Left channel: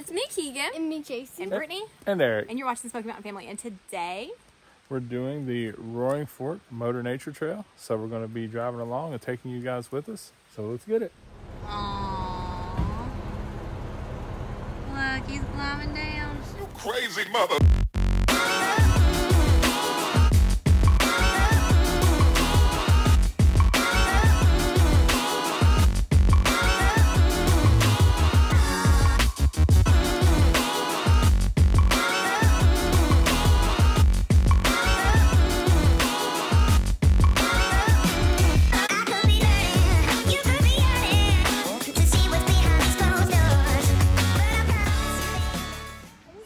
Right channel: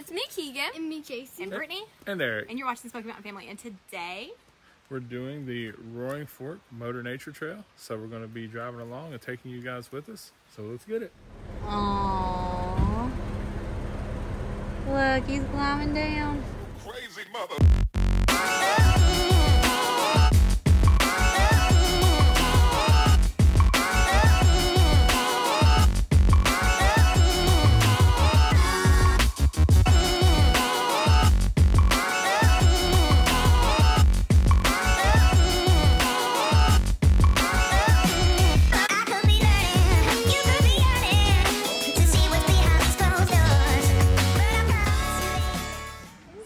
It's me, Keegan. And me, Casey. And Brittany. And Eric. And you're watching the Smoky Mountain Family. And today, we're doing the Roaring Fork Motor Nature Trail. So we're going to be driving along and taking you guys with us. So let's get it. Aww. Look, he's climbing down. You crazy mother.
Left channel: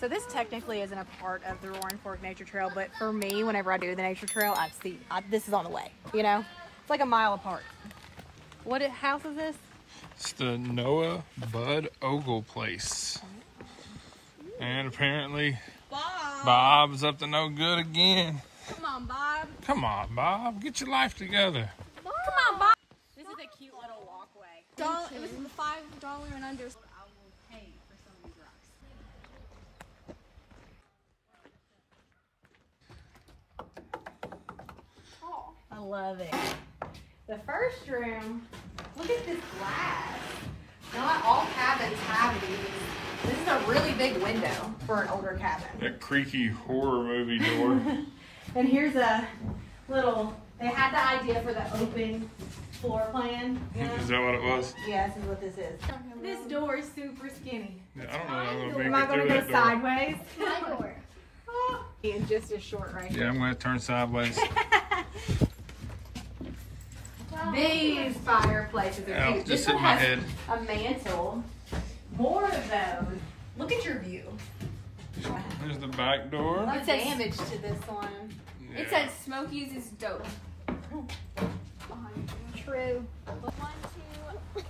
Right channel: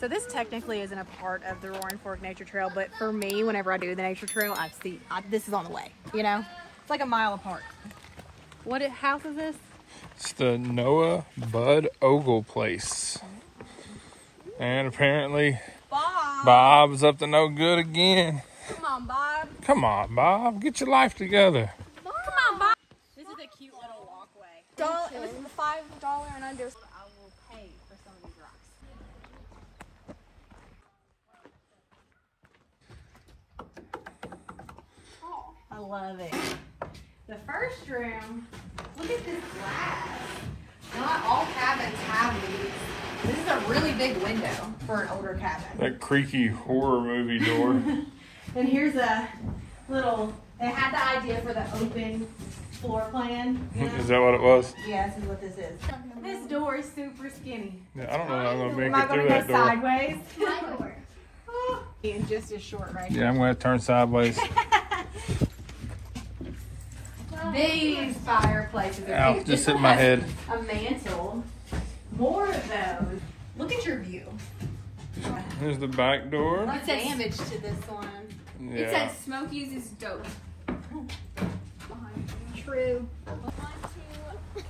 so this technically isn't a part of the Roaring Fork Nature Trail, but for me, whenever I do the nature trail, this is on the way, you know? It's like a mile apart. What house is this? It's the Noah Bud Ogle place. And apparently, Bob's up to no good again. Come on, Bob. Come on, Bob. Get your life together. Come on, Bob. This is a cute little walkway. $5 and under. I will pay for some of these rocks. Oh, I love it. The first room, look at this glass. Not all cabins have these. This is a really big window for an older cabin. That creaky horror movie door. And here's a little, they had the idea for the open floor plan. You know? Is that what it was? Yeah, this is what this is. This door is super skinny. Yeah, I don't know if I'm going to Am make I it through going that to go door. sideways? My door. And just as short right Yeah, here. I'm going to turn sideways. These fireplaces are Ow, cute. just This hit one my has head. A mantle. More of those. Look at your view. Here's the back door. What's damage to this one? Yeah. It says Smoky's is dope. True. 1, 2, 3,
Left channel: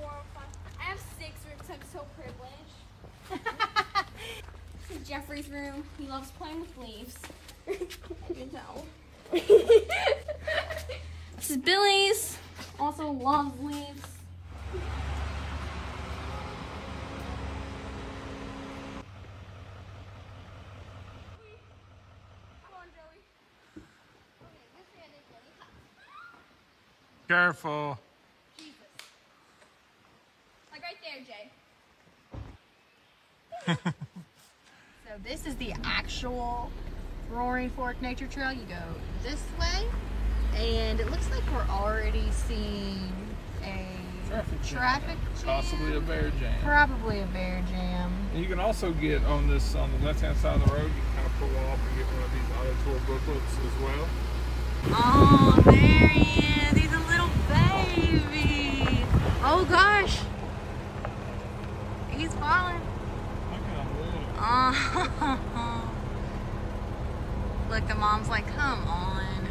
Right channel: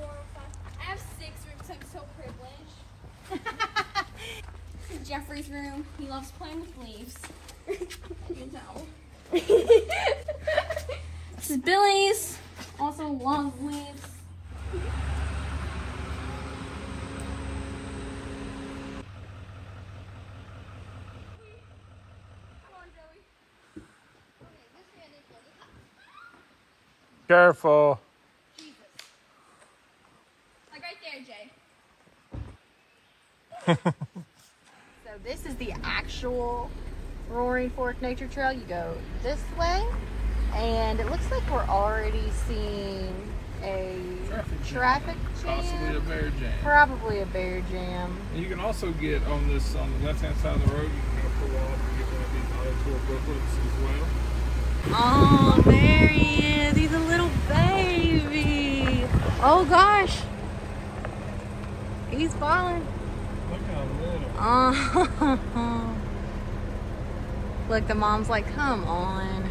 4, 5. I have 6 rooms. I'm so privileged. Jeffrey's room. He loves playing with leaves. You know. This is Billy's. Also loves leaves. Careful. Like right there, Jay. So this is the actual Roaring Fork Nature Trail. You go this way, and it looks like we're already seeing a traffic jam. Possibly a bear jam. Probably a bear jam. You can also get on the left-hand side of the road, pull off and get one of these other tour booklets as well. Oh, there he is. He's a little baby. Oh gosh. He's falling. Look how little. Oh. Look, the mom's like, come on.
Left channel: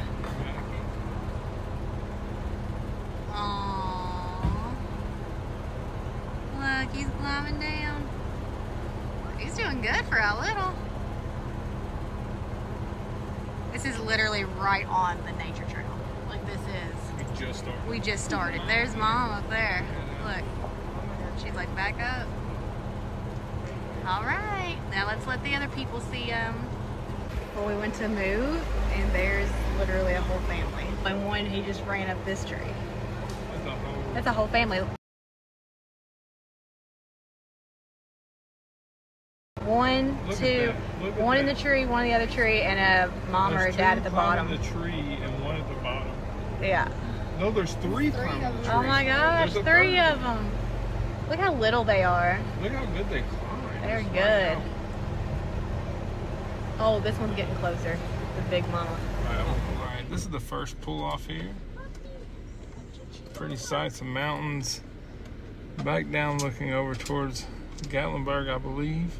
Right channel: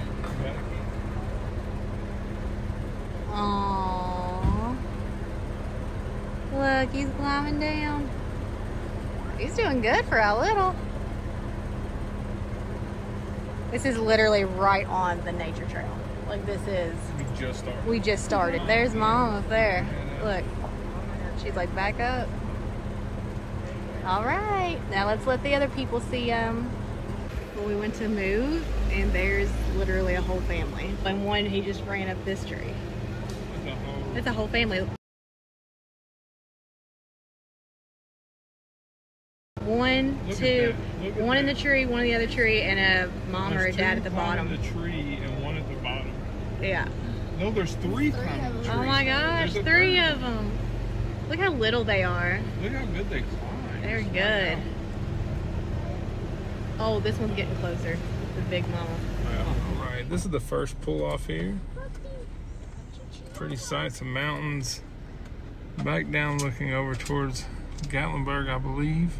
Oh. Look, he's climbing down. He's doing good for a little. This is literally right on the nature trail. Like this is. We just started. There's mom up there. Look. She's like, back up. All right. Now let's let the other people see them. Well, we went to move, and there's literally a whole family. And one, he just ran up this tree. That's a whole family. One, two, one in the tree, one in the other tree, and a mom or a dad at the bottom. One in the tree and one at the bottom. Yeah. No, there's 3 climbing the tree. Oh my gosh, 3 of them. Look how little they are. Look how good they climb. They're good. Oh, this one's getting closer. The big mama. All right, this is the first pull off here. Pretty sights of mountains. Back down looking over towards Gatlinburg, I believe.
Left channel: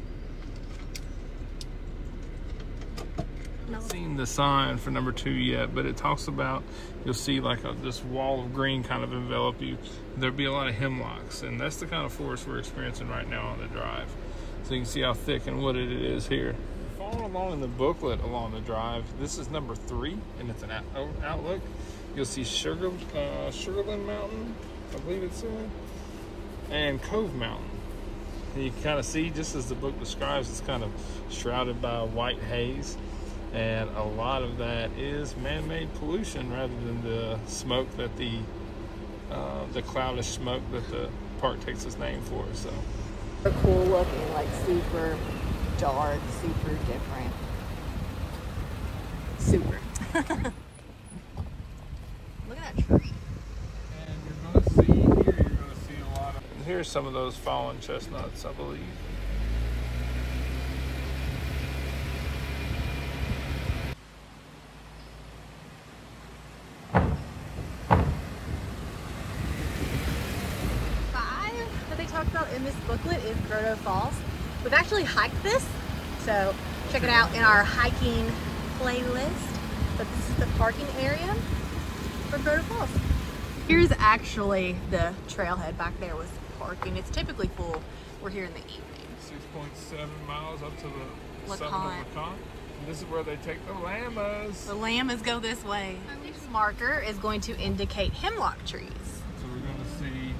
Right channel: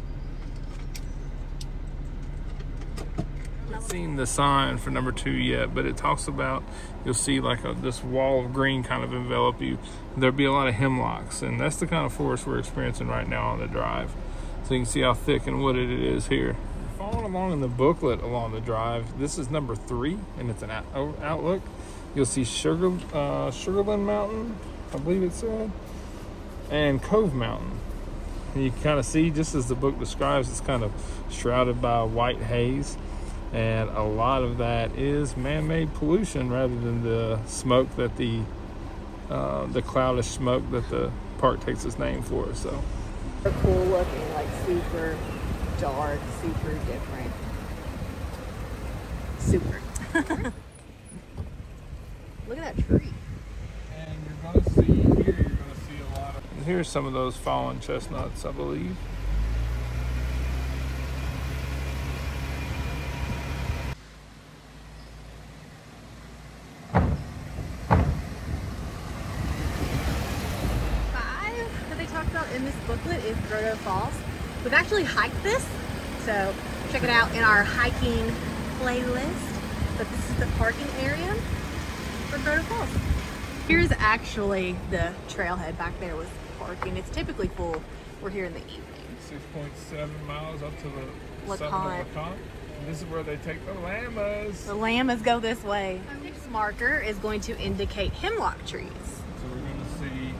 I've seen the sign for number 2 yet, but it talks about, you'll see like this wall of green kind of envelop you. There'll be a lot of hemlocks, and that's the kind of forest we're experiencing right now on the drive. So you can see how thick and wooded it is here. Follow along in the booklet along the drive. This is number 3, and it's an outlook. You'll see Sugarland Mountain, I believe it said, and Cove Mountain. And you can kind of see, just as the book describes, it's kind of shrouded by white haze. And a lot of that is man-made pollution rather than the smoke that the cloudish smoke that the park takes its name for. So cool looking, like super dark, super different. Super. Look at that tree. And you're going to see here, you're going to see a lot of... Here's some of those fallen chestnuts, I believe. In this booklet is Grotto Falls. We've actually hiked this, so check it out in our hiking playlist. But this is the parking area for Grotto Falls. Here's actually the trailhead back there with parking. It's typically full. We're here in the evening. 6.7 miles up to the summit LeConte. of LeConte. And this is where they take the llamas. The llamas go this way. This marker is going to indicate hemlock trees. So we're going to see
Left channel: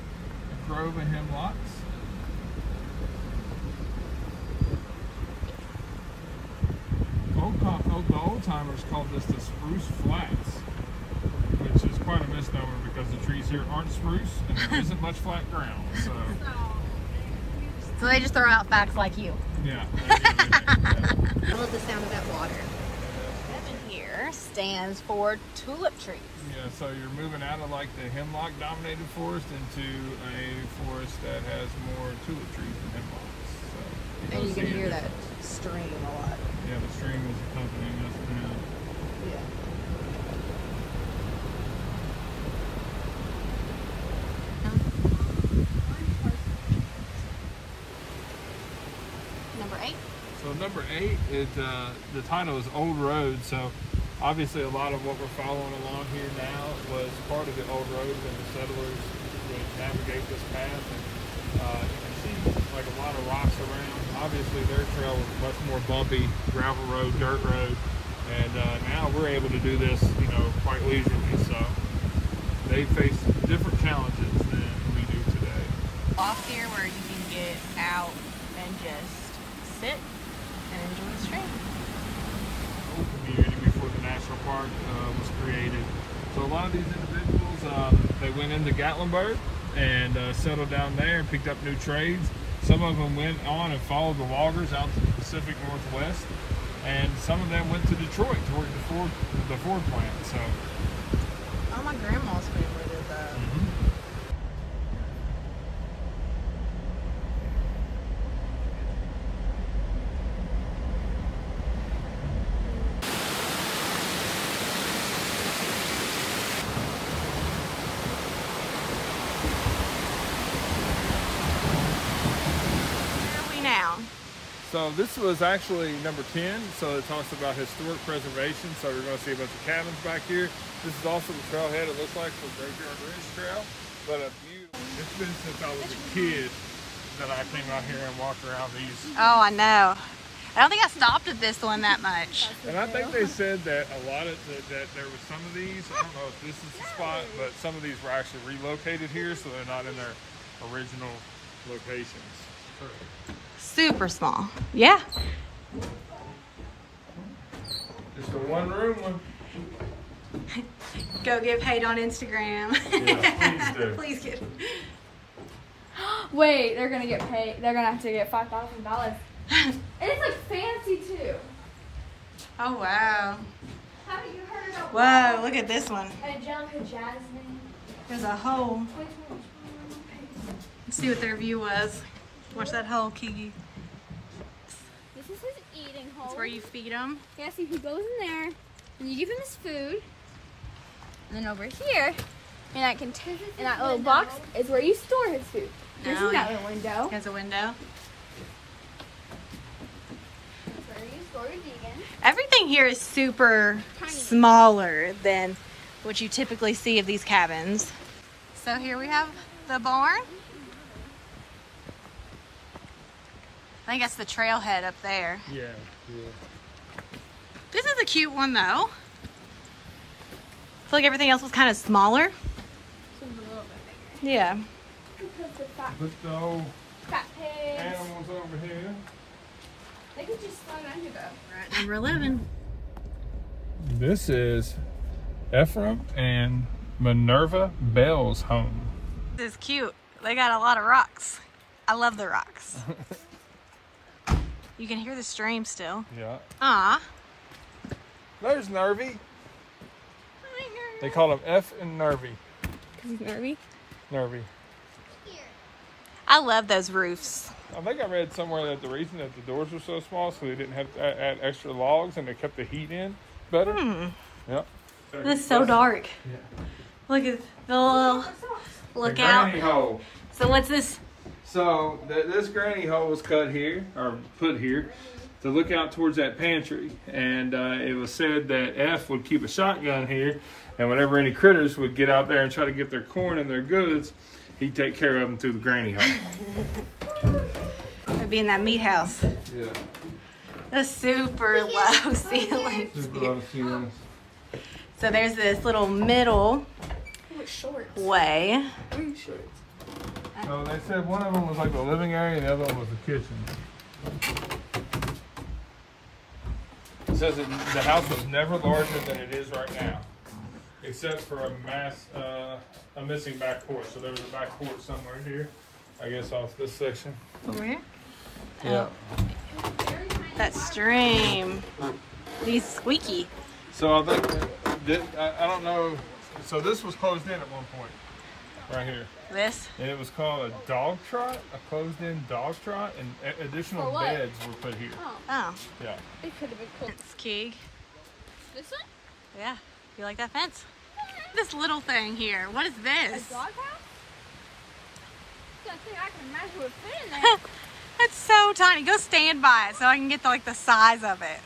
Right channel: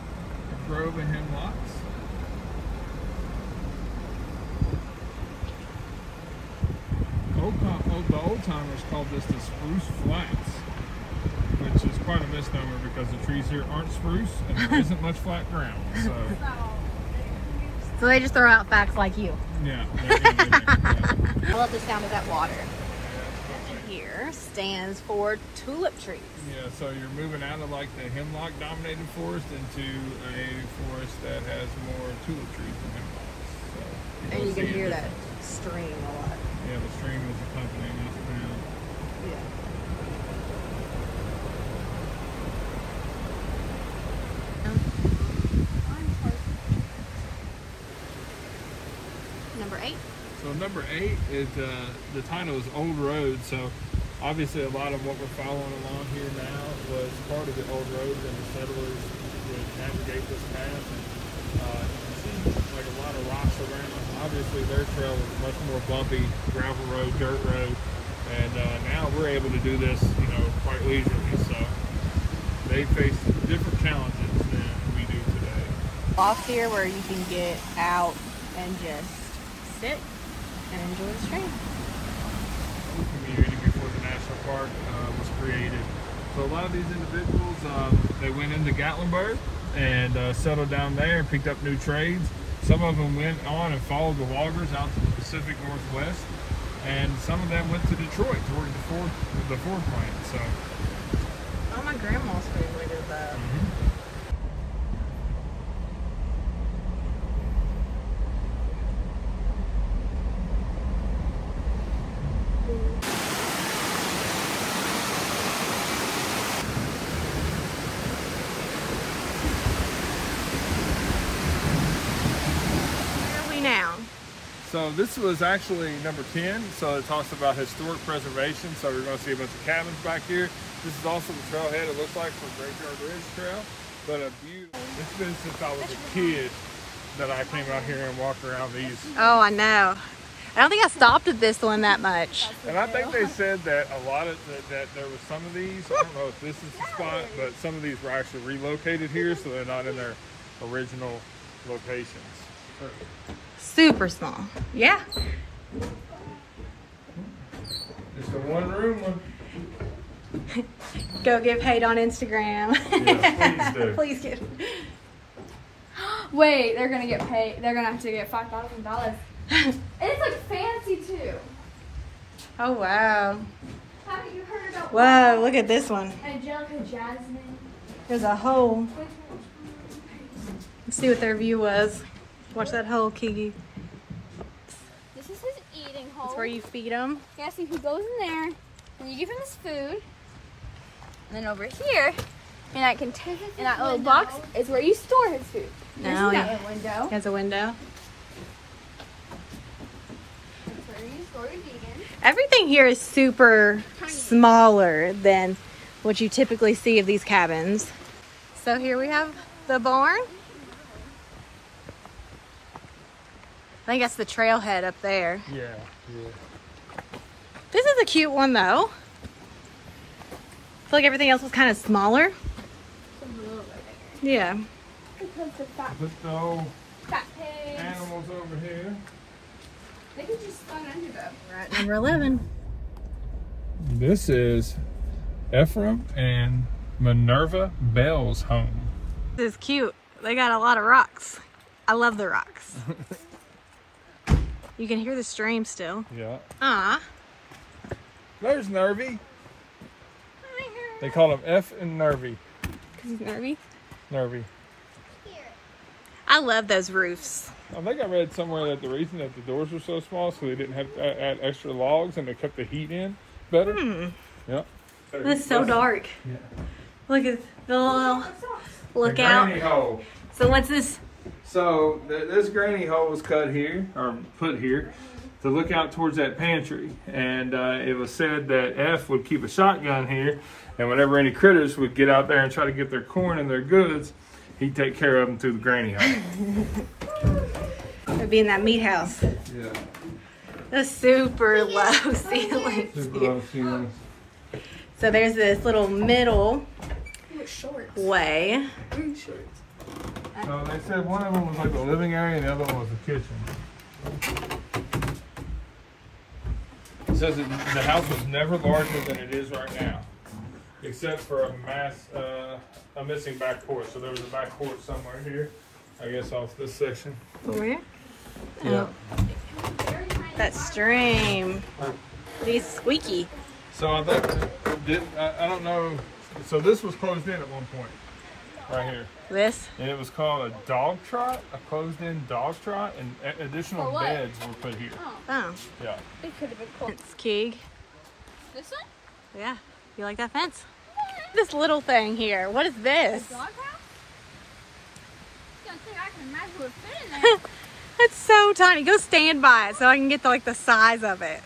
grove and hemlocks. The old timers called this the Spruce Flats, which is quite a misnomer because the trees here aren't spruce and there isn't much flat ground. So they just throw out facts like you. Yeah. I love the sound of that water. Here stands for tulip trees. Yeah, so you're moving out of like the hemlock dominated forest into a forest that has more tulip trees than hemlocks. So and you can hear that stream a lot. Yeah, the stream is accompanying us now. Number 8. So number 8 is the title is Old Road. So obviously a lot of what we're following along here now was part of the old road when the settlers would navigate this path. And you see like a lot of rocks around. Obviously their trail is much more bumpy, gravel road, dirt road, and now we're able to do this, you know, quite leisurely. So they face different challenges than we do today. Off here where you can get out and just sit and enjoy the stream. Old community before the national park was created. So a lot of these individuals, they went into Gatlinburg and settled down there and picked up new trades. Some of them went on and followed the loggers out to the Pacific Northwest, and some of them went to Detroit to work the Ford plant. So, oh, my grandma's family did that. Now. So this was actually number 10, so it talks about historic preservation. So we're going to see a bunch of cabins back here. This is also the trailhead it looks like the Bridgewater Bridge Trail, but a beautiful. It's been since I was a kid that I came out here and walked around these. Oh, I know. I don't think I stopped at this one that much. And I think they said that a lot of that there was some of these. I don't know if this is the spot, but some of these were actually relocated here, so they're not in their original locations. Super small. Yeah. It's a one-room one. Go give hate on Instagram. Yeah, please do. Please give. Wait, they're gonna get paid. They're gonna have to get $5,000. It's like fancy too. Oh wow. Haven't you heard about? Whoa, look at this one. Angelica Jasmine. There's a hole. Let's see what their view was. Watch that hole, Kiki. This is his eating hole. That's where you feed them. Yeah, see, he goes in there, and you give him his food. And then over here, in that container, in that little box, is where you store his food. There's Oh, that yeah. little window. Has a window. That's where you store your vegan. Everything here is super smaller than what you typically see of these cabins. So here we have the barn. I think that's the trailhead up there. Yeah. This is a cute one though. I feel like everything else was kind of smaller. Yeah. Just the old Fat pigs. Almost over here. They could just throw it under though. Right, number 11. This is Ephraim and Minerva Bell's home. This is cute. They got a lot of rocks. I love the rocks. You can hear the stream still. Yeah. Ah. There's Nervy. They call him F and Nervy. Nervy? Nervy. I love those roofs. I think I read somewhere that the reason that the doors were so small so they didn't have to add extra logs and they kept the heat in better. Yep. It's so dark. Yeah. Look at the little lookout. Granny hole. So what's this? So this granny hole was cut here, or put here, to look out towards that pantry. And it was said that F would keep a shotgun here, and whenever any critters would get out there and try to get their corn and their goods, he'd take care of them through the granny hole. It'd be in that meat house. Yeah. The super low ceilings. Super low ceilings. So there's this little middle way. So they said one of them was like the living area and the other one was the kitchen. It says that the house was never larger than it is right now, except for a missing back porch. So there was a back porch somewhere here, I guess off this section. Over here? Yeah. Oh. That stream. It's squeaky. So I think, I don't know, so this was closed in at one point, right here. This? And it was called a dog trot, a closed-in dog trot, and additional beds were put here. Oh. Yeah. It could have been cool. It's Keeg. This one? Yeah. You like that fence? This little thing here. What is this? A dog house? I don't think I can imagine what fit in there. It's so tiny. Go stand by it so I can get the size of it.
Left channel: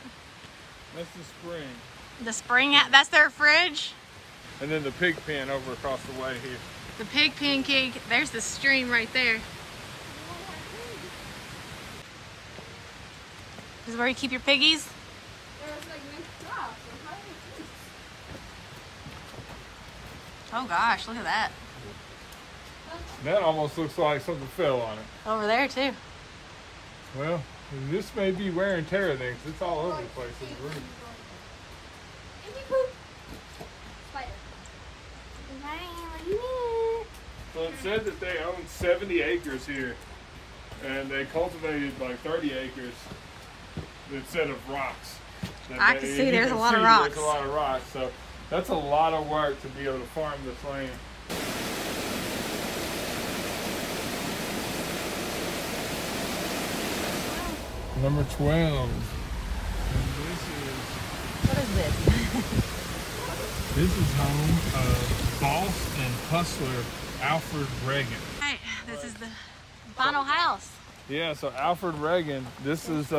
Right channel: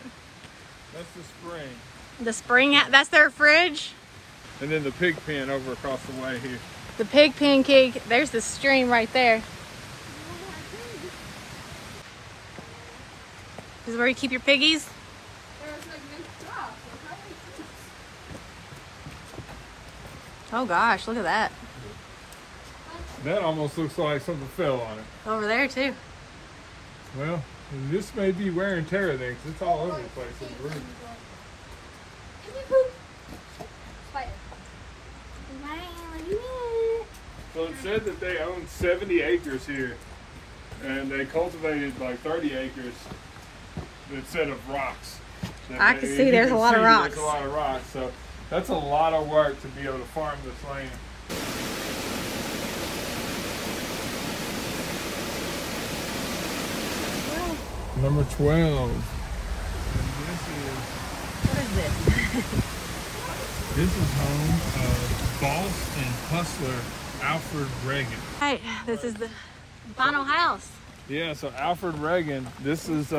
That's the spring. The spring, that's their fridge. And then the pig pen over across the way here. The pig pen Keeg. There's the stream right there. This is where you keep your piggies? Oh gosh, look at that. That almost looks like something fell on it. Over there too. Well, this may be wear and tear there because it's all over the place in the room. Spider. So it said that they own 70 acres here, and they cultivated like 30 acres instead of rocks. I can see there's a lot of rocks. There's a lot of rocks, so that's a lot of work to be able to farm this land. Number 12. And what is this? This is home of boss and hustler Alfred Reagan. Hey, this is the final house. Yeah, so Alfred Reagan, this is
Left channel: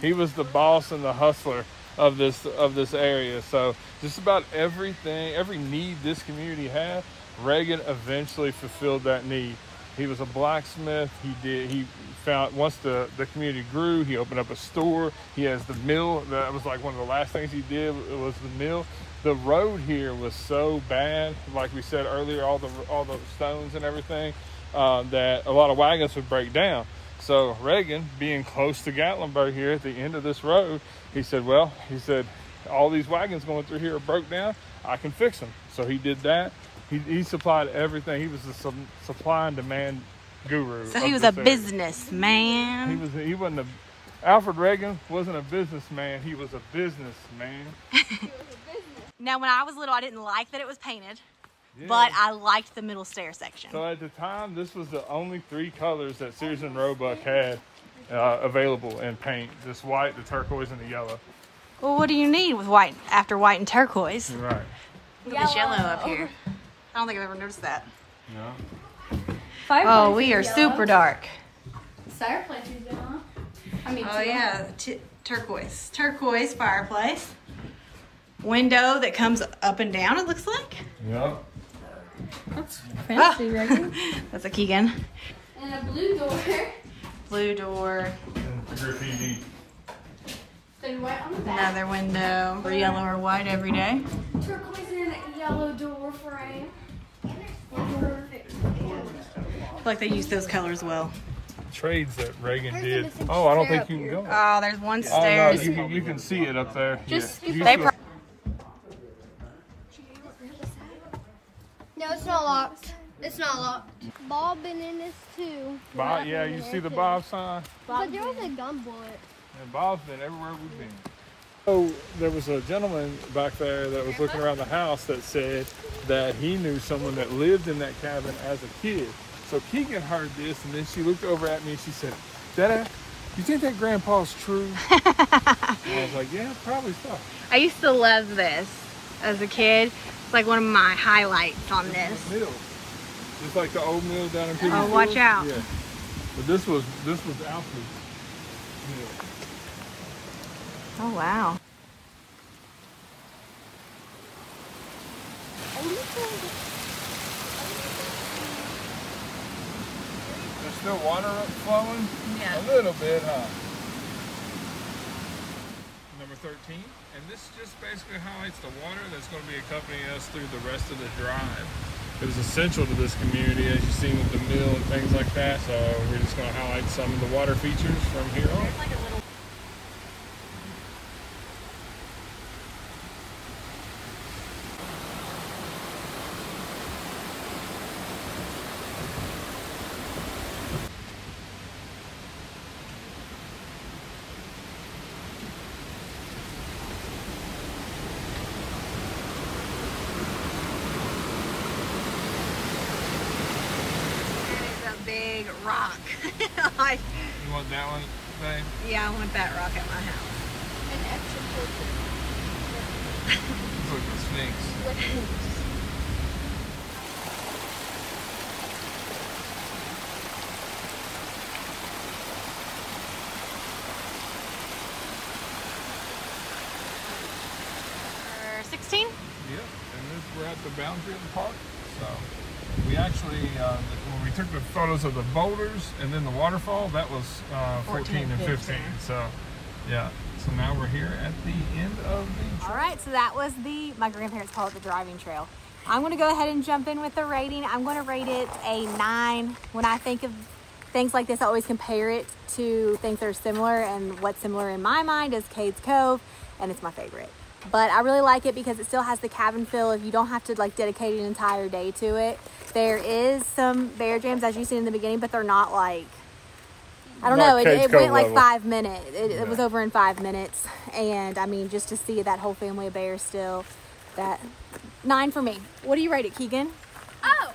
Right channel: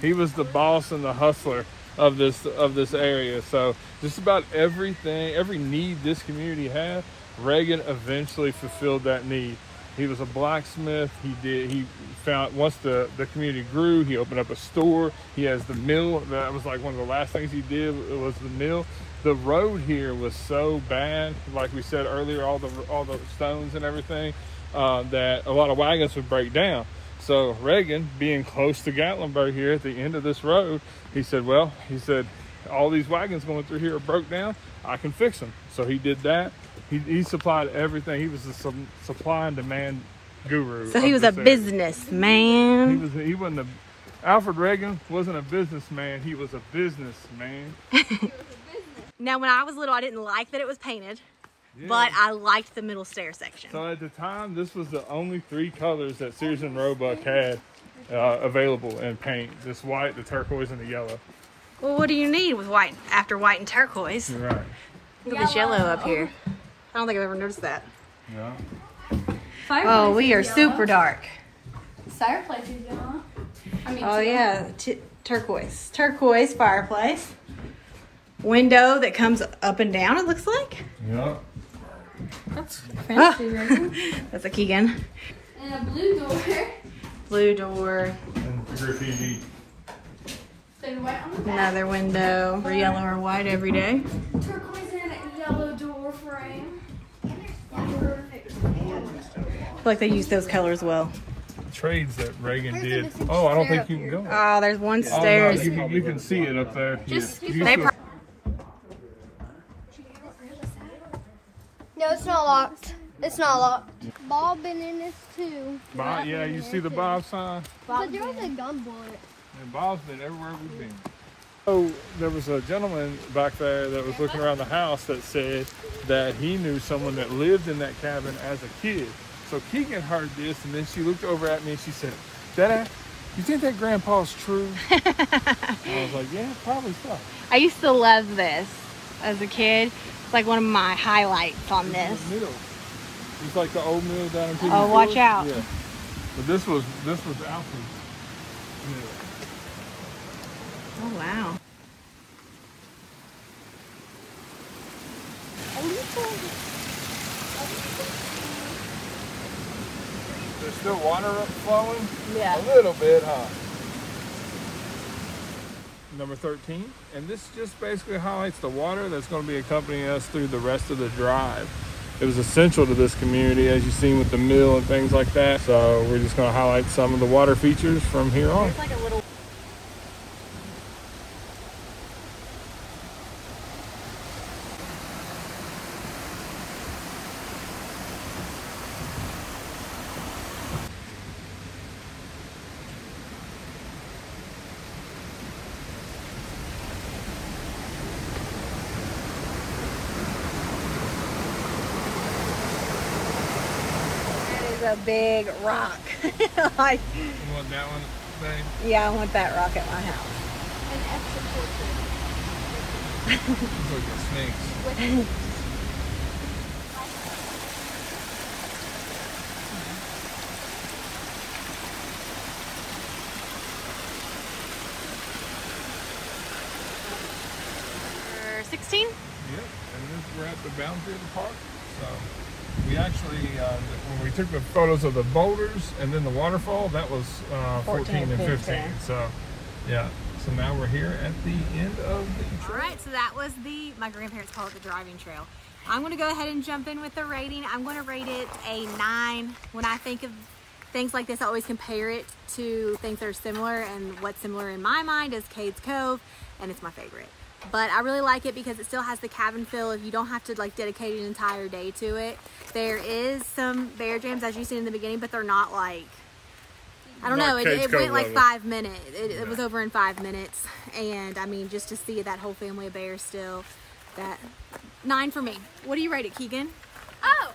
he was the boss and the hustler of this area. So just about everything, every need this community had, Reagan eventually fulfilled that need. He was a blacksmith. He found, once the community grew, he opened up a store. He has the mill. That was like one of the last things he did was the mill. The road here was so bad, like we said earlier, all the stones and everything, that a lot of wagons would break down. So Reagan, being close to Gatlinburg here at the end of this road, he said, all these wagons going through here are broke down. I can fix them. So he did that. He supplied everything. He was the supply and demand guru. So he was a businessman. He wasn't Alfred Reagan wasn't a businessman. He was a businessman. Now, when I was little, I didn't like that it was painted, Yeah. but I liked the middle stair section. So at the time, this was the only 3 colors that Sears and Roebuck had available in paint. This white, the turquoise, and the yellow. Well, what do you need with white after white and turquoise? Right. Look at this yellow up here. I don't think I've ever noticed that. Yeah. Oh, we are super dark. Fireplace is it, huh? I mean, Oh yeah, turquoise. Turquoise fireplace. Window that comes up and down, it looks like. Yeah. That's fancy, right? That's a Keegan. And a blue door. Blue door. And graffiti. Another window. For yellow or white every day. Turquoise and yellow door frame. I feel like they use those colors well. trades that Reagan did. Oh, I don't think you can go. Oh, there's one stairs. Oh, no, you can see it up there. Just They no, it's not locked. It's not locked. Bob been in this too. Bob, yeah, you see the Bob sign? But there was a gun bullet. And Bob's been everywhere we've been. So there was a gentleman back there that was looking around the house that said that he knew someone that lived in that cabin as a kid. So Keegan heard this, and then she looked over at me and she said, "Dada, you think that grandpa's true?" I was like, "Yeah, probably so." I used to love this as a kid. It's like one of my highlights on this. Mill. It's like the old mill down in Piggy Oh, watch out. Yeah. But this was Alfred's mill. Oh, wow. There's still water flowing? Yeah. A little bit, huh? Number 13, and this just basically highlights the water that's going to be accompanying us through the rest of the drive. It was essential to this community, as you've seen with the mill and things like that. So we're just going to highlight some of the water features from here on. A big rock. Like, You want that one, babe? yeah, I want that rock at my house. It's like the Sphinx. Number 16? Yeah, and we're at the boundary of the park. So we actually, when we took the photos of the boulders and then the waterfall, that was 14 and 15. So yeah, so now we're here at the end of the trail. All right, so that was my grandparents call it the driving trail. I'm gonna go ahead and jump in with the rating. I'm gonna rate it a 9. When I think of things like this, I always compare it to things that are similar, and what's similar in my mind is Cades Cove, and it's my favorite. But I really like it because it still has the cabin feel. If you don't have to like dedicate an entire day to it. There is some bear jams, as you see in the beginning, but they're not like, I don't know, it went like 5 minutes. It was over in 5 minutes. And I mean, just to see that whole family of bears still, that 9 for me. What do you rate it, Keegan? Oh,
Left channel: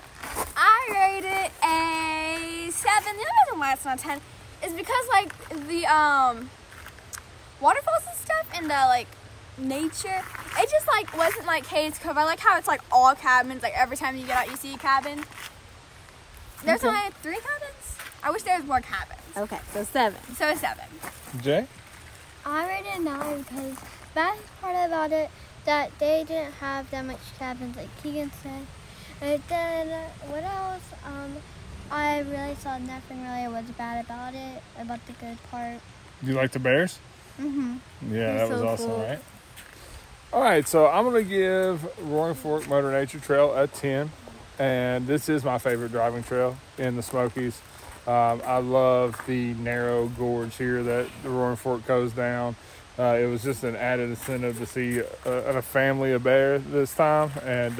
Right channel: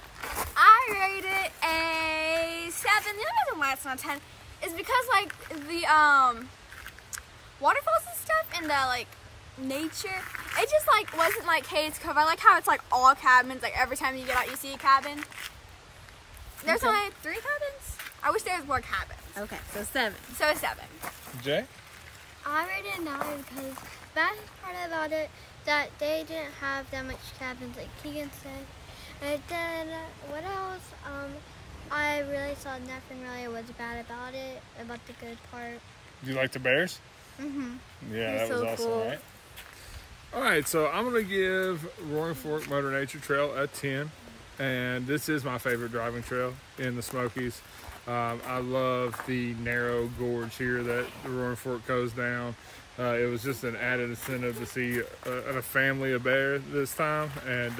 I rate it a 7. The other reason why it's not 10 is because like the waterfalls and stuff and the like nature, it just like wasn't like Cades Cove. I like how it's like all cabins, like every time you get out you see a cabin. There's only 3 cabins. I wish there was more cabins. Okay, so 7. So 7. Jay? I rated it 9 because the best part about it that they didn't have that much cabins like Keegan said. And then what else? I really saw nothing really was bad about it, about the good part. You like the bears? Mm-hmm. Yeah, that was so awesome, cool. right? All right, so I'm going to give Roaring Fork Motor Nature Trail a 10. And this is my favorite driving trail in the Smokies. I love the narrow gorge here that the Roaring Fork goes down. It was just an added incentive to see a family of bears this time. And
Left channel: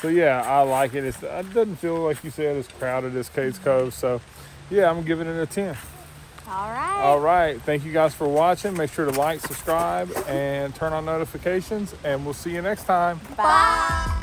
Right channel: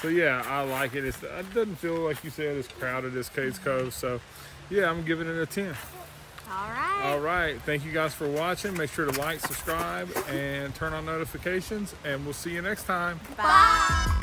so, yeah, I like it. It doesn't feel, like you said, as crowded as Cades Cove. So, yeah, I'm giving it a 10. All right. All right. Thank you guys for watching. Make sure to like, subscribe, and turn on notifications. And we'll see you next time. Bye.